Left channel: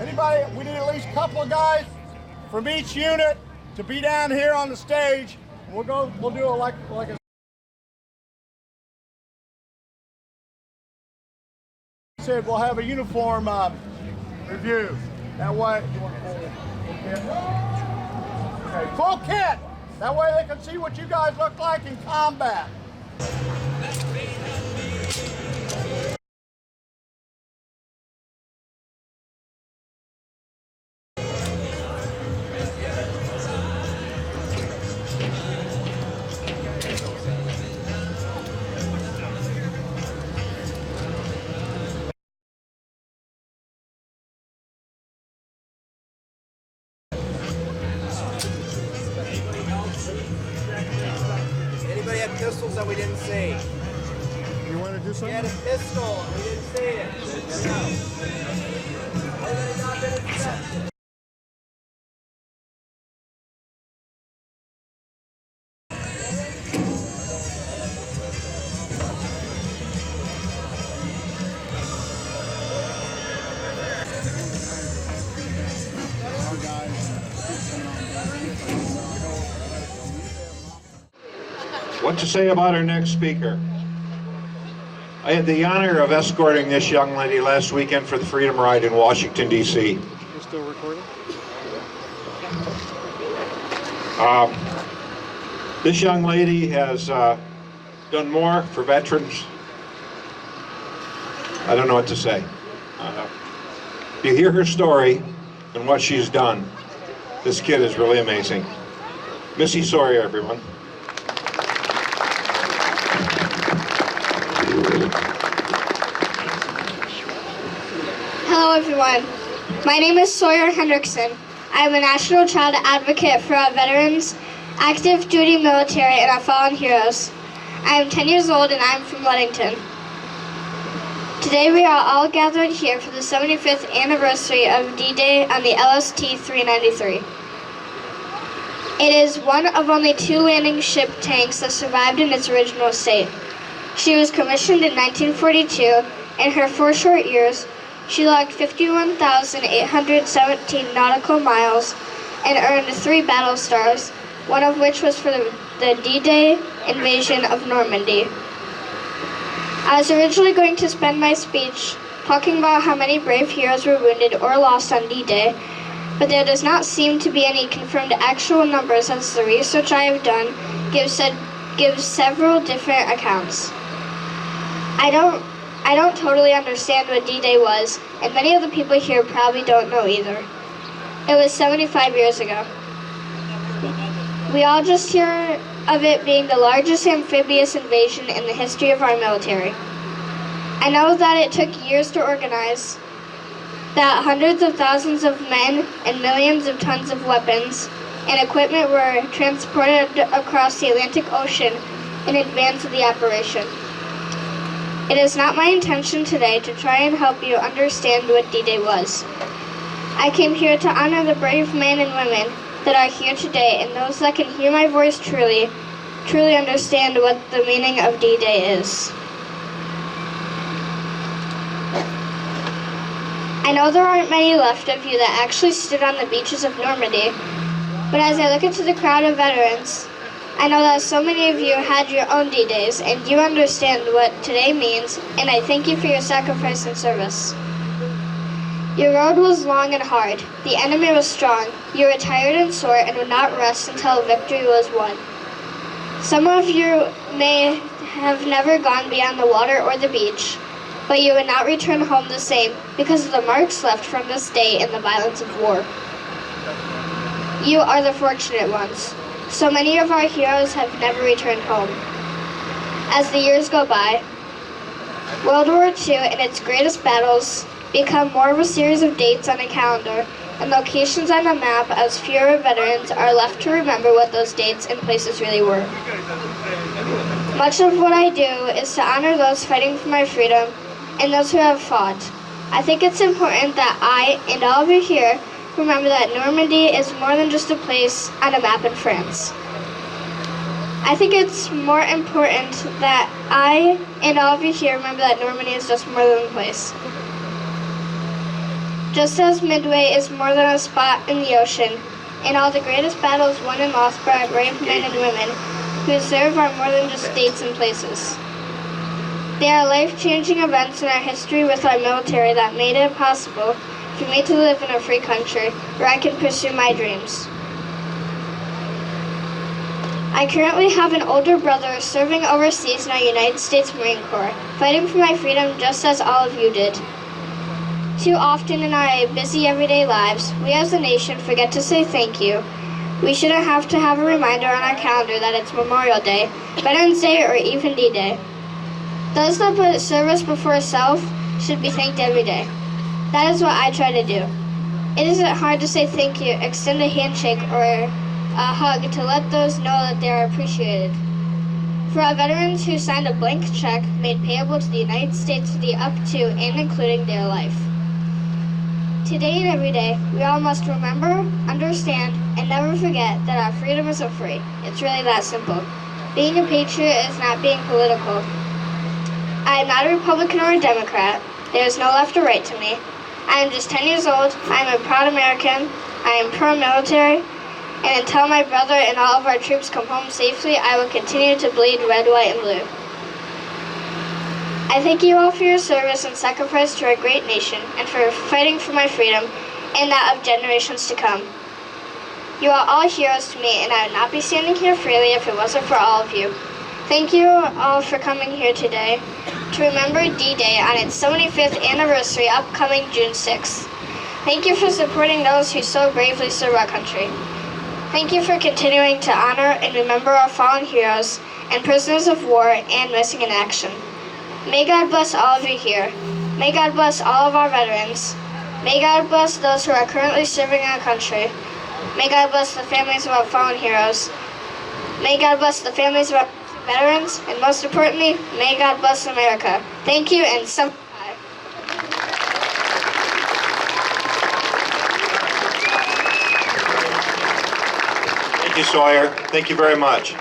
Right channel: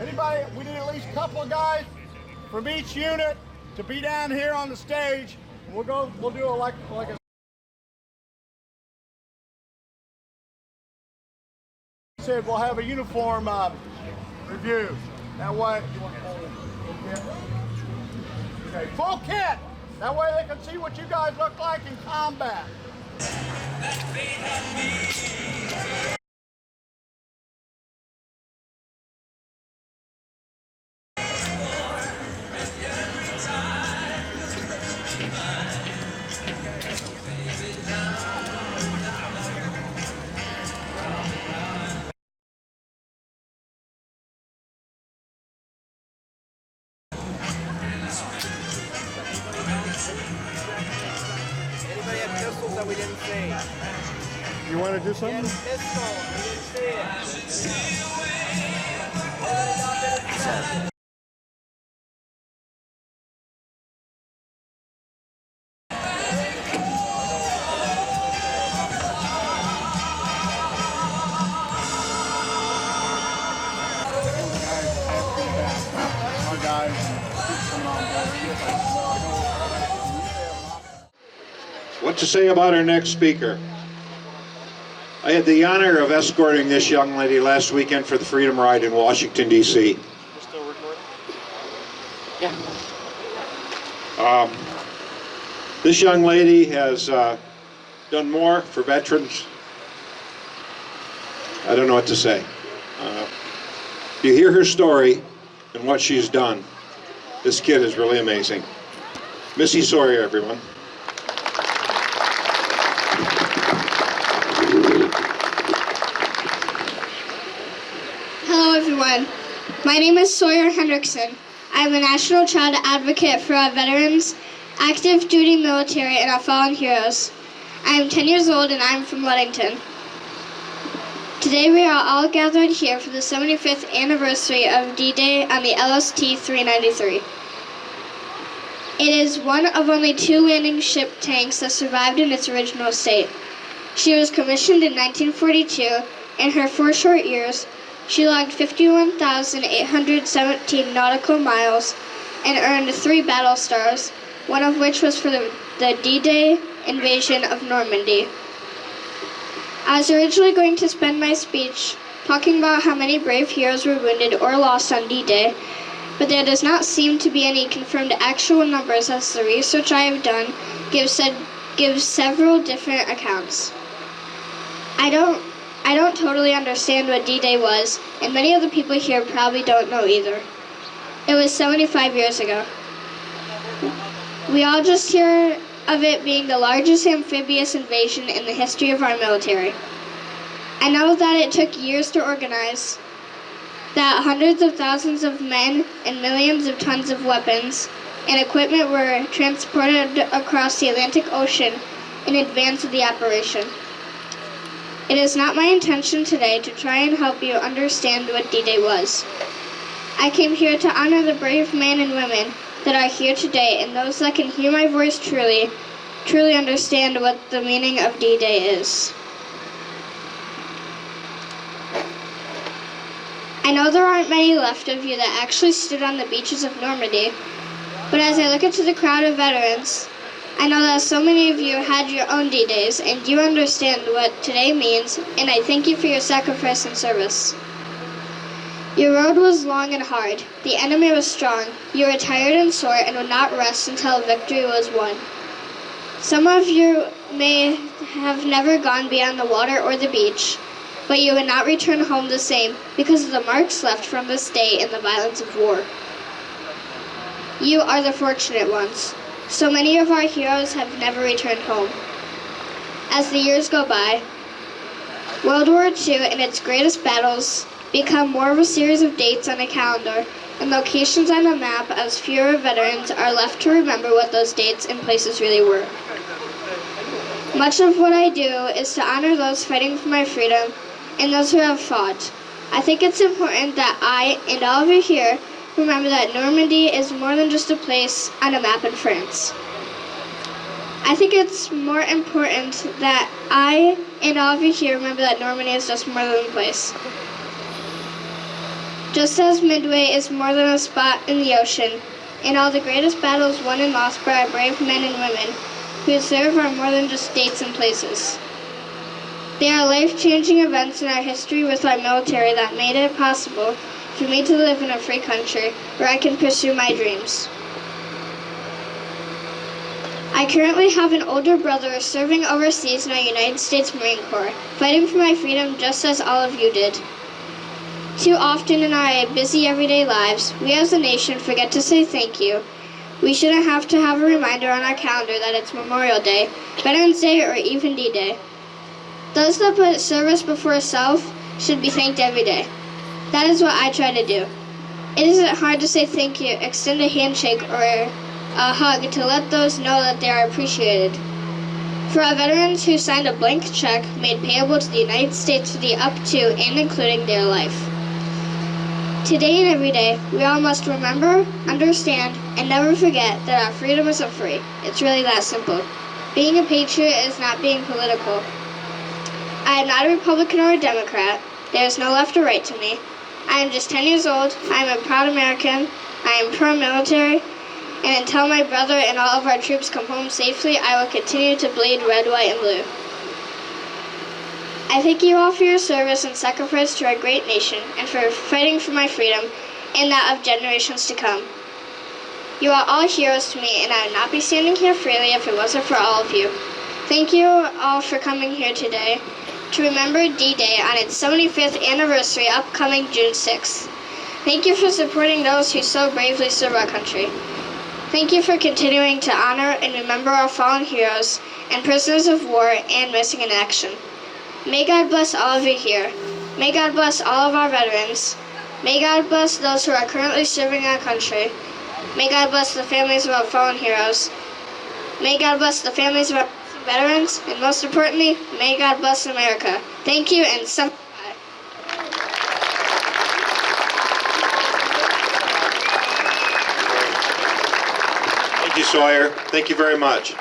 Anybody, we need at least a couple of guys from each unit to be down here on the stage. We'll do it like a said, we'll have a uniform review. That way, okay, full kit. That way they can see what you guys look like in combat. Anybody have pistols that we didn't see? You want to do something? He had a pistol. We didn't see it. Anybody not been inspected? What to say about our next speaker? I had the honor of escorting this young lady last weekend for the Freedom Ride in Washington, D.C. You're still recording? Yeah. This young lady has done more for veterans. I don't know what to say. You hear her story and what she's done. This kid is really amazing. Missy Sawyer, everyone. Hello everyone, my name is Sawyer Hendrickson. I am a national child advocate for our veterans, active duty military, and our fallen heroes. I am 10 years old and I am from Ludington. Today we are all gathered here for the 75th anniversary of D-Day on the LST-393. It is one of only 2 landing ship tanks that survived in its original state. She was commissioned in 1942. In her 4 short years, she logged 51,817 nautical miles and earned 3 battle stars, one of which was for the D-Day invasion of Normandy. I was originally going to spend my speech talking about how many brave heroes were wounded or lost on D-Day, but there does not seem to be any confirmed actual numbers, as the research I have done gives several different accounts. I don't totally understand what D-Day was, and many of the people here probably don't know either. It was 75 years ago. We all just hear of it being the largest amphibious invasion in the history of our military. I know that it took years to organize, that hundreds of thousands of men and millions of tons of weapons and equipment were transported across the Atlantic Ocean in advance of the operation. It is not my intention today to try and help you understand what D-Day was. I came here to honor the brave men and women that are here today, and those that can hear my voice truly understand what the meaning of D-Day is. I know there aren't many left of you that actually stood on the beaches of Normandy, but as I look into the crowd of veterans, I know that so many of you had your own D-Days, and you understand what today means, and I thank you for your sacrifice and service. Your road was long and hard. The enemy was strong. You were tired and sore and would not rest until victory was won. Some of you may have never gone beyond the water or the beach, but you would not return home the same because of the marks left from this day in the violence of war. You are the fortunate ones. So many of our heroes have never returned home. As the years go by, World War II and its greatest battles become more of a series of dates on a calendar and locations on a map, as fewer veterans are left to remember what those dates and places really were. Much of what I do is to honor those fighting for my freedom and those who have fought. I think it's important that I and all of you here remember that Normandy is more than just a place on a map in France. I think it's more important that I and all of you here remember that Normandy is just more than a place. Just as Midway is more than a spot in the ocean, and all the greatest battles won and lost by brave men and women who serve are more than just dates and places. They are life-changing events in our history with our military that made it possible for me to live in a free country where I can pursue my dreams. I currently have an older brother serving overseas in our United States Marine Corps, fighting for my freedom just as all of you did. Too often in our busy everyday lives, we as a nation forget to say thank you. We shouldn't have to have a reminder on our calendar that it's Memorial Day, Veterans Day, or even D-Day. Those that put service before self should be thanked every day. That is what I try to do. It isn't hard to say thank you, extend a handshake, or a hug to let those know that they are appreciated. For our veterans who signed a blank check made payable to the United States for the up to and including their life. Today and every day, we all must remember, understand, and never forget that our freedom isn't free. It's really that simple. Being a patriot is not being political. I am not a Republican or a Democrat. There is no left or right to me. I am just 10 years old. I am a proud American. I am pro-military. And until my brother and all of our troops come home safely, I will continue to bleed red, white, and blue. I thank you all for your service and sacrifice to our great nation and for fighting for my freedom and that of generations to come. You are all heroes to me, and I would not be standing here freely if it wasn't for all of you. Thank you all for coming here today to remember D-Day on its 75th anniversary upcoming June 6th. Thank you for supporting those who so bravely serve our country. Thank you for continuing to honor and remember our fallen heroes and prisoners of war and missing in action. May God bless all of you here. May God bless all of our veterans. May God bless those who are currently serving our country. May God bless the families of our fallen heroes. May God bless the families of our veterans. And most importantly, may God bless America. Thank you, and some. Thank you, Sawyer. Thank you very much.